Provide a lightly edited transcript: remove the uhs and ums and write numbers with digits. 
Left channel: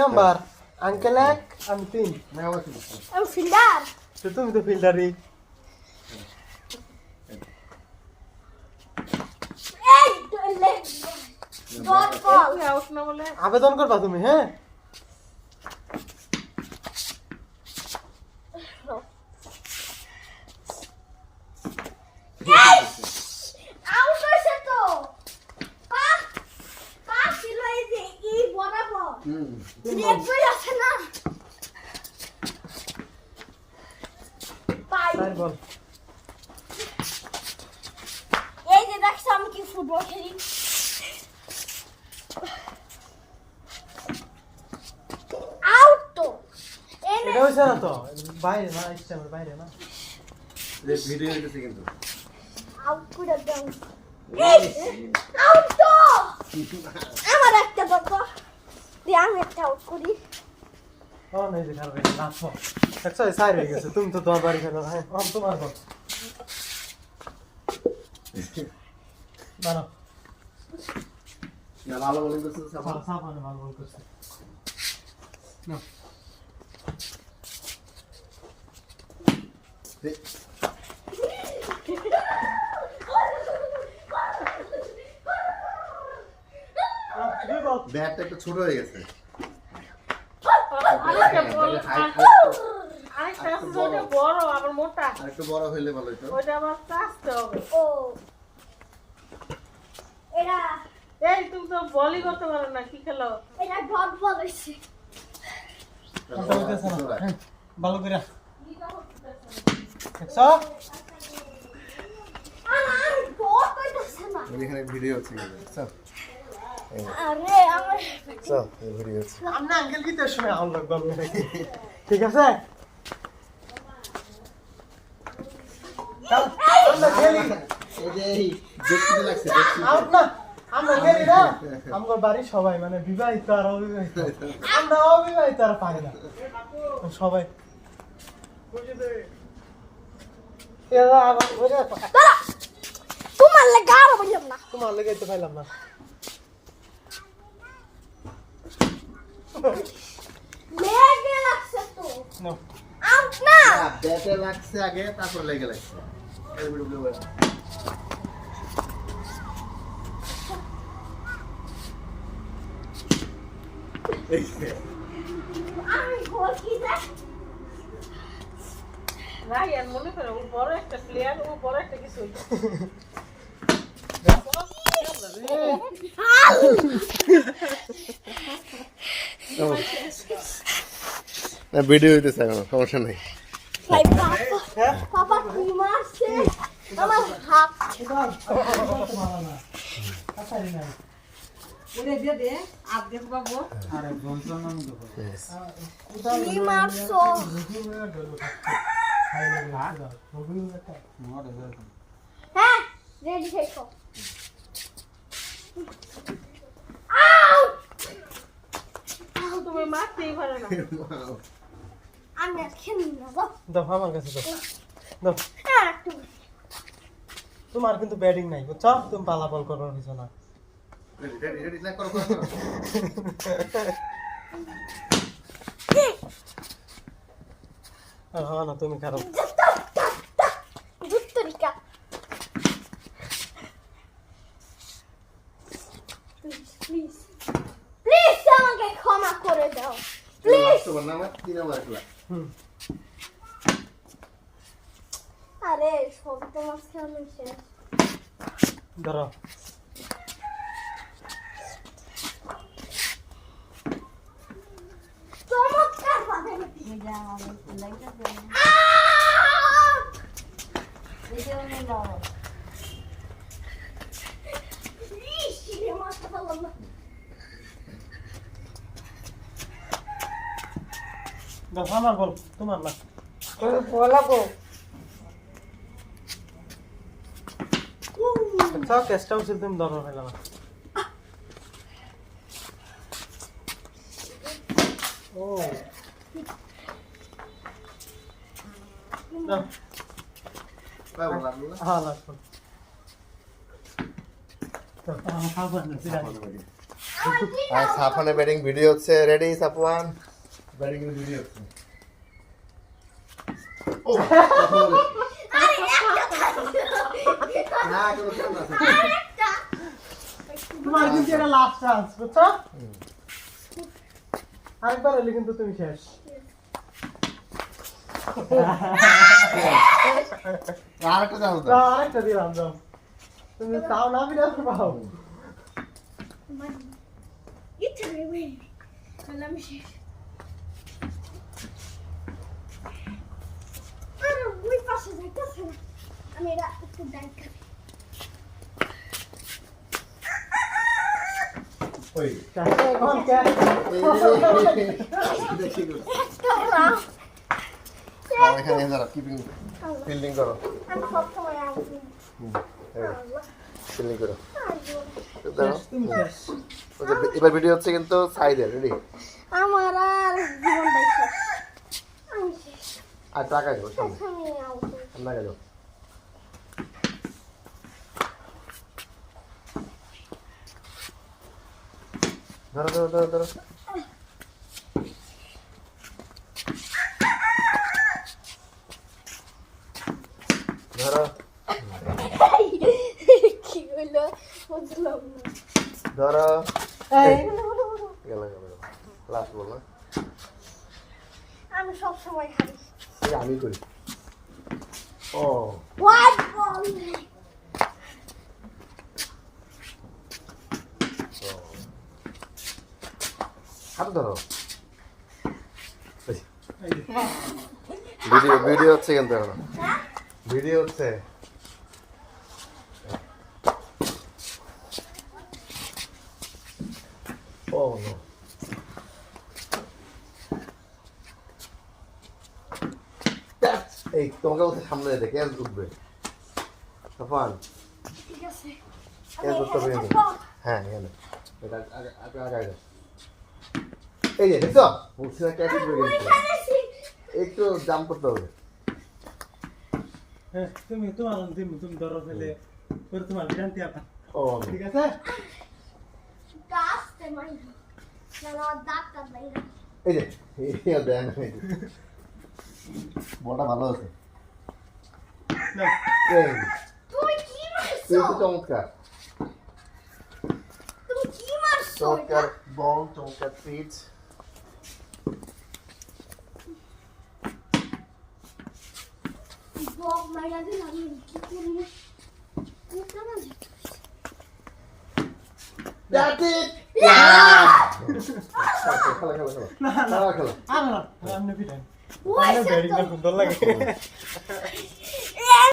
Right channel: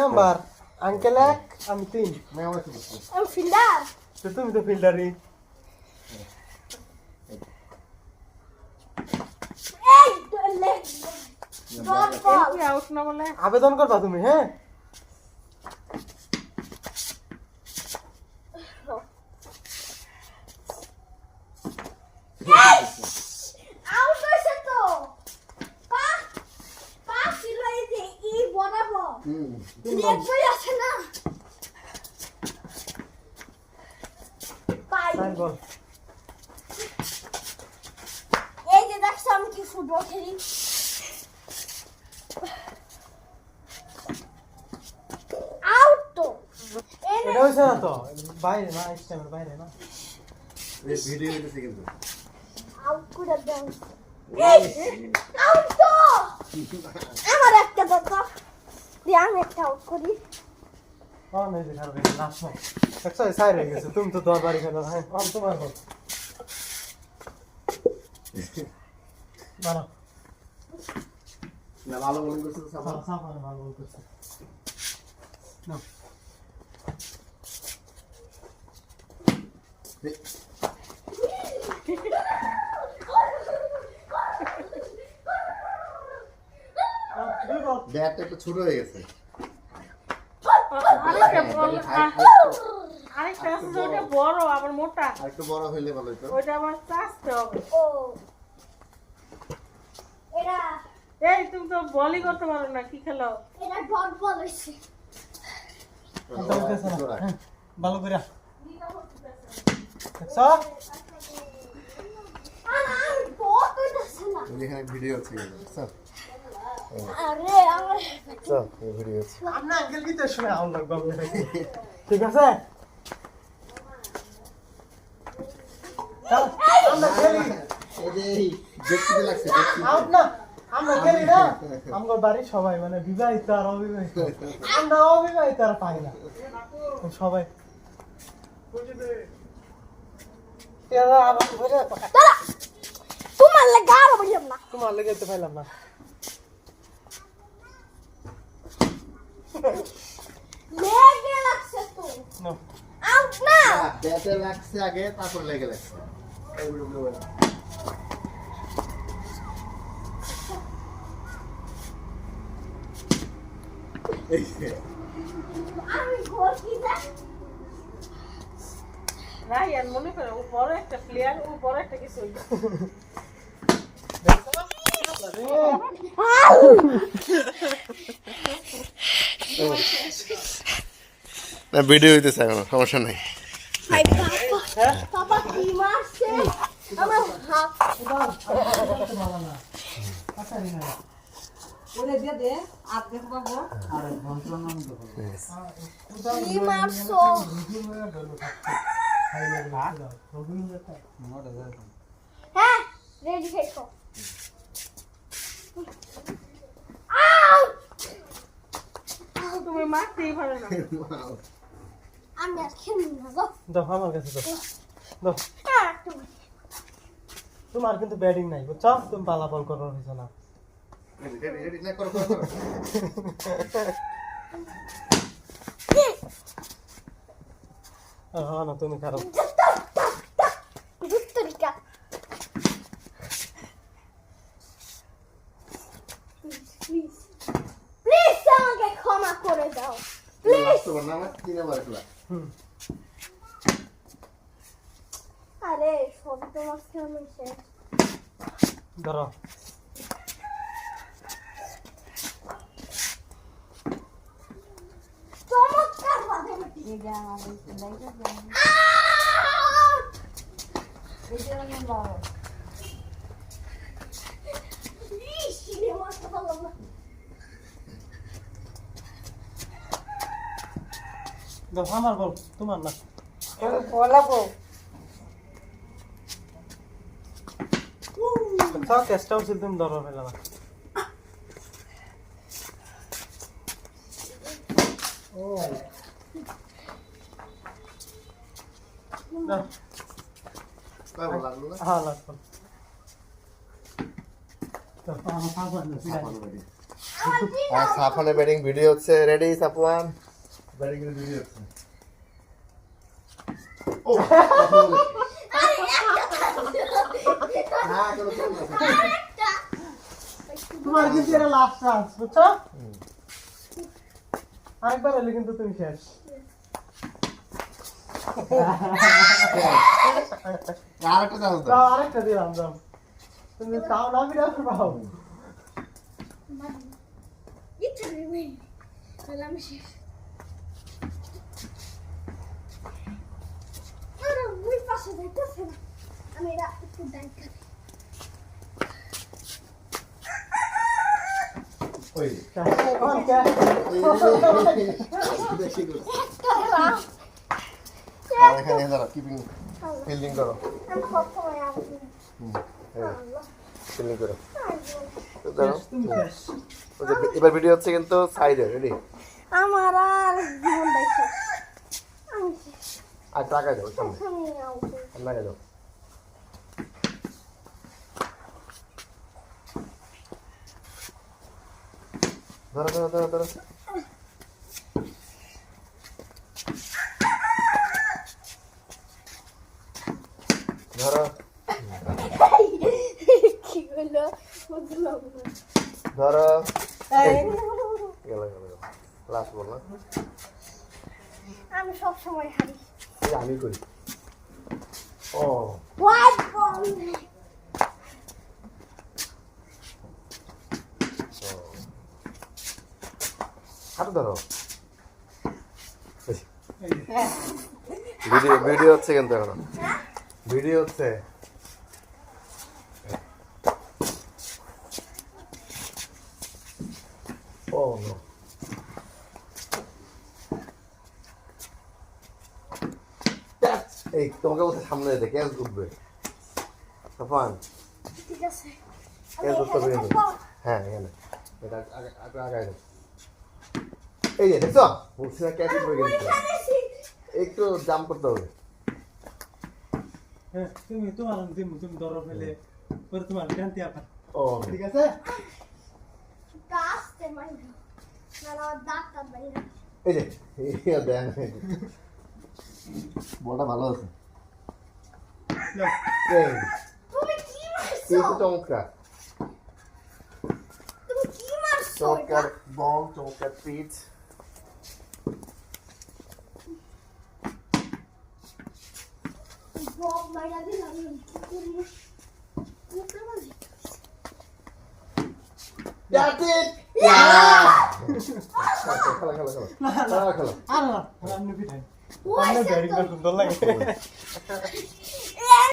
Number uncle এক আমি 3 আমি ফিল্ডার তো তুমি তো ফিল্ডারই এই লেগ ডট বল আউট না বলে আবেদন করবা তুমি হ্যাঁ আউট হইছে তো পাস পাস ছিল এই যে ই বরাবর লেগ বই আছে না পাই তাই বল এই যে দেখছো আমি কি ফুটবল খেলি আউট তো এনে এটা হইছে না তো বাইরে না স্টেমের বাইরে না এই ভিডিও হইতেছে কিন্তু আউট করে দাও আউট তো আমার একটা দরকার দিয়ে আমি একটা আউট করি কোন এই যে খেলবে লাস্ট বল দেখছো সাইড হয়ে গেছে তুমি তো দরবারি খেলো হ্যাঁ আম তোমার বল মারো না ভালো বোলিং করছে সাফা সাফানে ভালো বল করছে না ব্যাটটা একটু ছোট হয়ে গেছে আরেকটা বল আরেকটা আছে ওটা বড় আবার মোটা আর একটু বড় হইলে ভালো হতো ওটা আবার চাচতে হবে ও এরা এই তুমি তো বলই করতে পারো না কি খেলো এরা ডট বল হইছে হ্যাঁ, ভালো করে দেখছো আমি বল কইতাছে না এখানে ভিডিও হচ্ছে কিন্তু স্যার আরে আমার স্যার এই ভিডিও হচ্ছে আমরা আঙ্কেল কি তো শুনে আউট গল মেরে ঠিক আছে আমরা খেলি এই যে দেখতে লাগছে দেখতে আউট না আমরা খেলি না আমার বাড়ি সবাই মানে বিবাহিত আর অবিবাহিত আমরা অবিবাহিত আর পাই না সবাই এরা আবার বুঝে তো দাঁড়া তোমার লাগা আর বললাম না তোমার লেগে তো পাইলাম না লেগে লাগছে তো নো আউট না ব্যাটে লাগছে আগে তারপর লেগে লাগছে এই ভিডিও আমি গোল কি দেখ রাহিয়ান মনে করো ও বড় একটা প্লেয়ার ও বড় একটা কিছু না ভিডিও হইতেছে এখন সমস্যা নাই ভাই পাপা কি মারছে আমার হাত এটা ভালো না আচ্ছা রে না ওরে দিয়ে দে আর দেখো বাবু আরে যন্ত্রণা আমি দেখো কি মারছো হ্যাঁ রেডি থেকো আউট তুমি মারতেই পারো না আমি আর খেলি না গো দাও আমার কাছে দাও একটু তোমার কিন্তু ব্যাটিং নাই বুঝছো তুমি পালা বল করার হইছ না রেডি রেডি লাইক করো হ্যাঁ না তুমি খারাপ গুত্তরিকা প্লিজ প্লিজ আমাকে ক্ষমা করে দাও প্লিজ তোমার নাম 3 নাম্বার খেলা আরে সব তোমার সামনে শেষ ধরো চমৎকার বাদামটি দাও আমার বল তোমার না চেষ্টা উচিত তুমি ধরো ফেলা ও কয়বার লাগলো না হ্যাঁ লাগতো তো আমার খাবার না ভালো লাগে আর সাফানের ব্যাটিং ভিডিও হচ্ছে রেডি সাফওয়ান ব্যাটিং এর ভিডিও হচ্ছে ও না কোনো কেন না তোমার কিন্তু এটা লাস্ট চান্স বুঝছো আরেকবার এলে কিন্তু তুমি শেষ আরেকটা চান্স দাও দাও আরেকটা দিয়ে আনলাম তুমি তাও না বিরাট পাও আমি এটা একটু ডাইট ওই এখন কে দেখি গুড খারাপ এখানে দাঁড়াও কিপিং ফিল্ডিং করো আমি সবসময় আসবো ফিল্ডিং করো শেষ, দাঁড়াও তুমি শেষ এবার ভিডিও হচ্ছে কিন্তু সাইডে রেডি আমার আর জীবনটাই শেষ আমি শেষ আর টাকায় দাও সামনে আমি আউট লাগাই দাও ধরো ধরো ধরো ধরো ধরো কি হলো বুঝলাম না ধরো এই গেল গেল গেল লাস্ট বল না আমি সবসময় হারি এই আমি করি ও হোয়াইট বল হাত ধরো ভিডিও ভিডিও হচ্ছে কিন্তু এখন ভিডিও হচ্ছে ও নো এই তোমাকে বলছে সামনে যেতে ক্যাচ উঠবে তখন ঠিক আছে ক্যাচ ধরতে হবে কিন্তু হ্যাঁ এখানে এটা আগে আগে আগে আগে এই যে দেখছো বলছি না ক্যাচ উঠবে কিন্তু একটু জাম্প করতে হবে হ্যাঁ, তুমি তোমার তুমি ধরো ফেলে পরে তোমার শান্তি আপা ও ঠিক আছে কাস্তে মাইরি না আমার ডাক্তার বাইরে এই যে এই দেন বলটা ভালো আছে নাও। এই তুমি কি মারছো কিন্তু চমৎকার তুমি কি মারছো চমৎকার বল চমৎকার পিচ বল মাইরা দিলাম আমি কি করব কি করা যায় That's it! খেলা খেলা খেলা না না খেলা খেলা আর না আপনি পিটাই ওই আপনি সে ব্যাটিং তো সুন্দর লাগে